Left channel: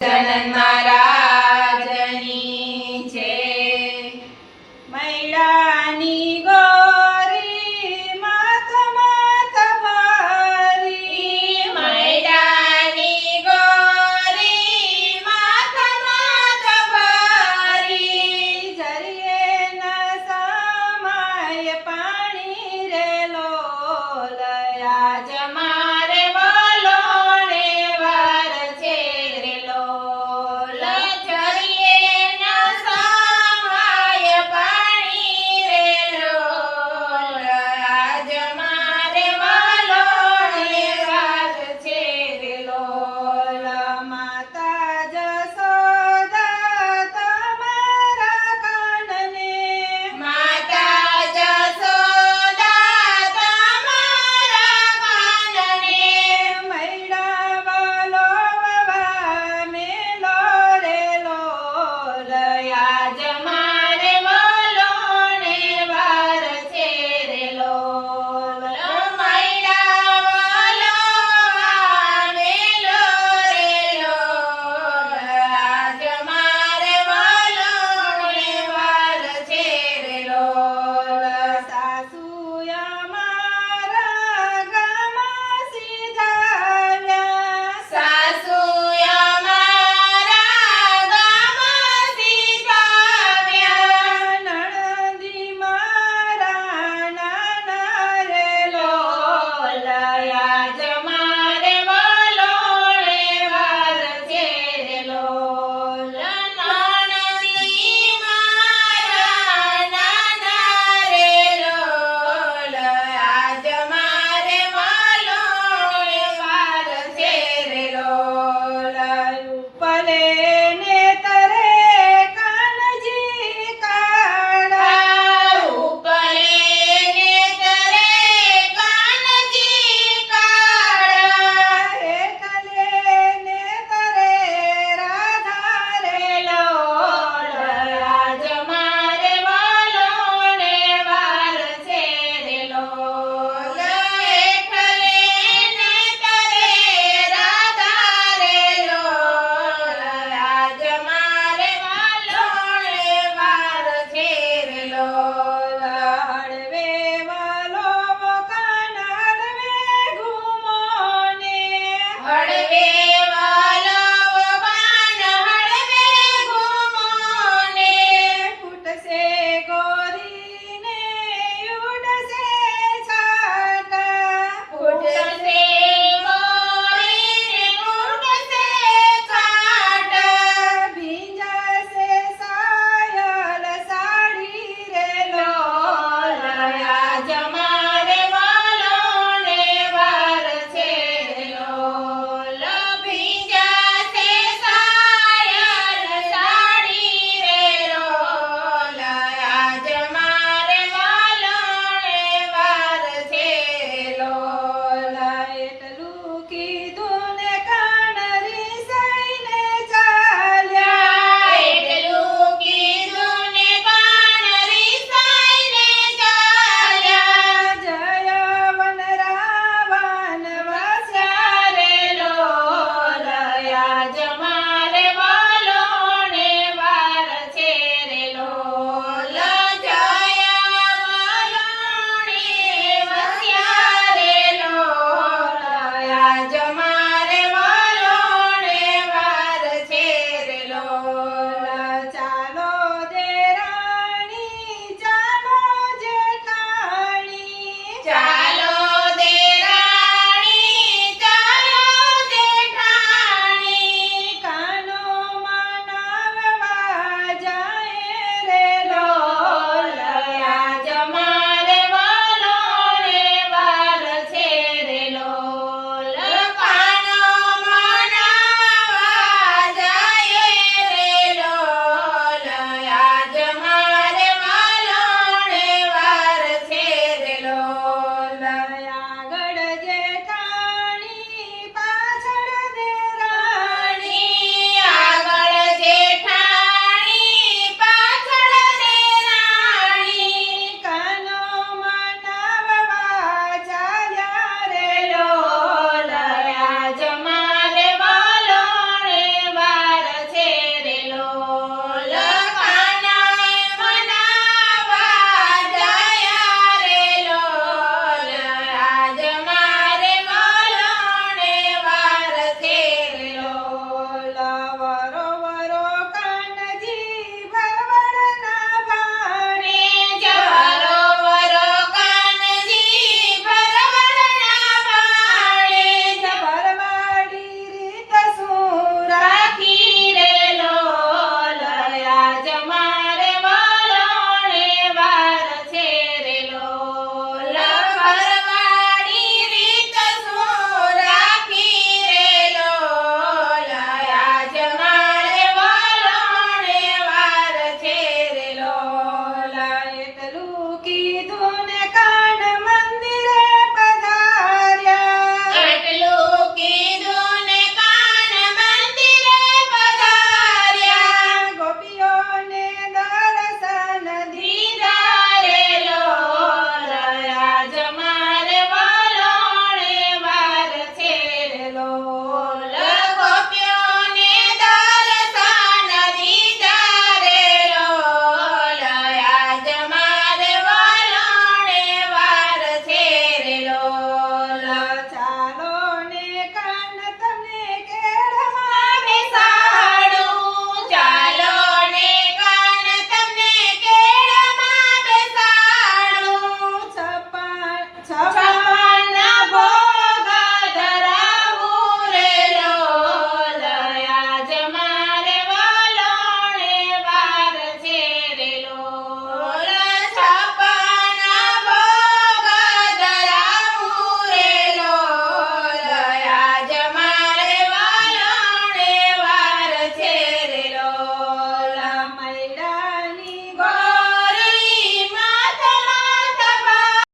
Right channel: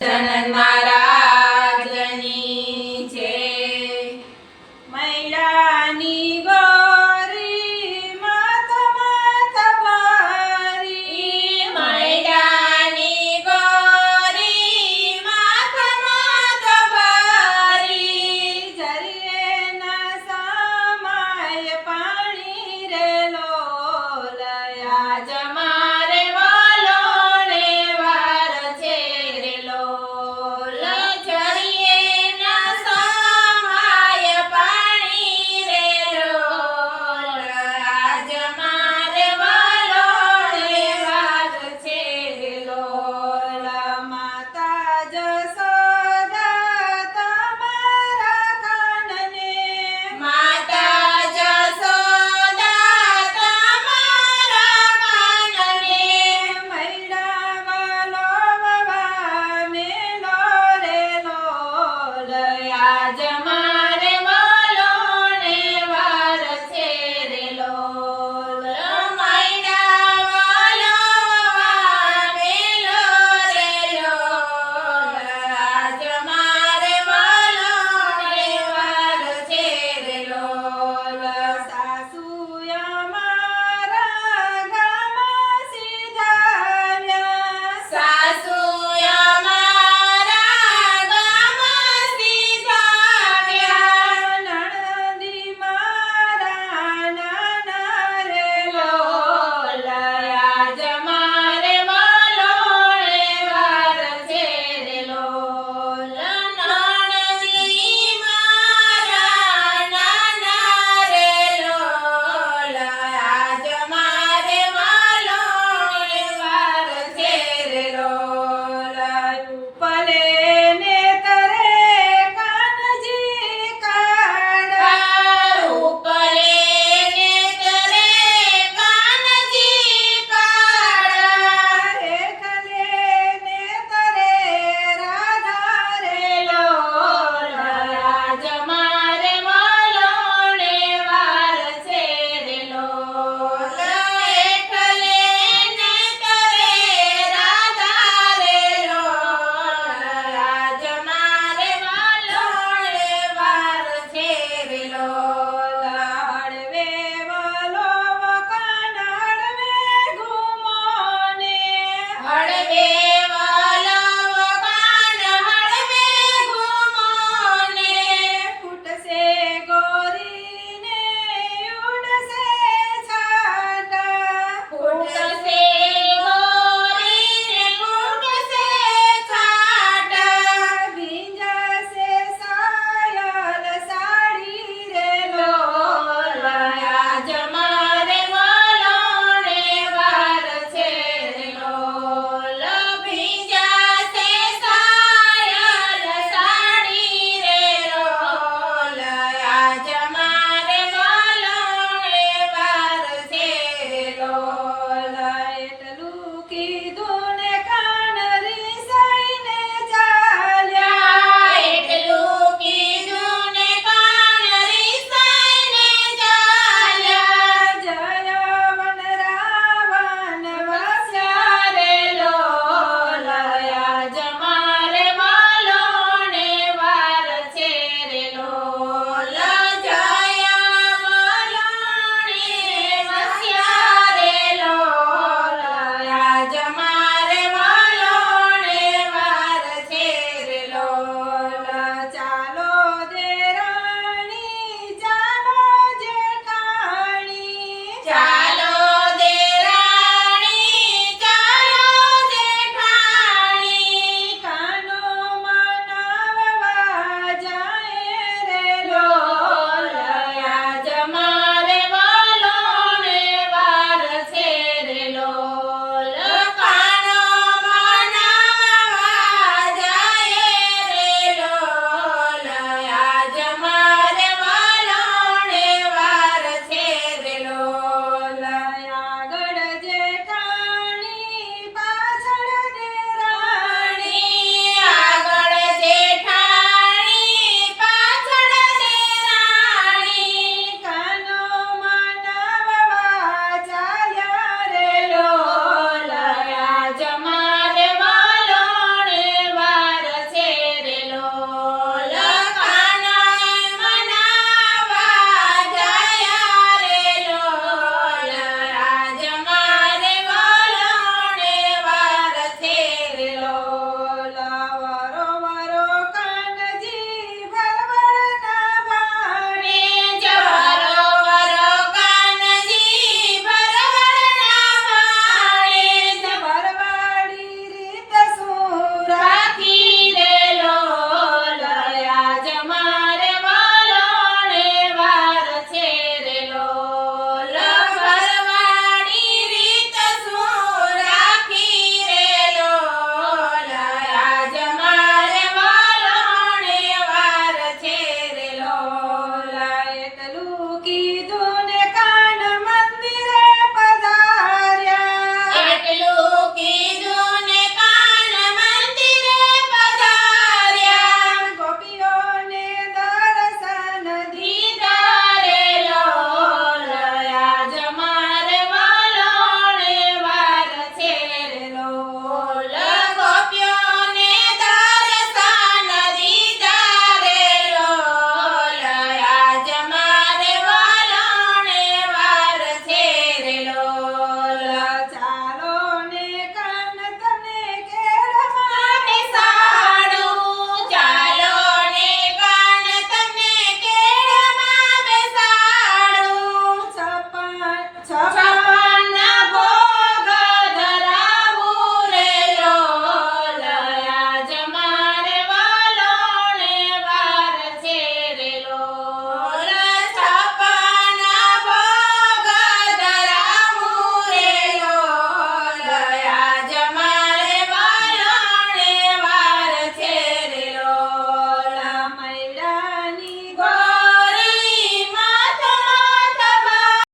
ഭക്തന്മാർ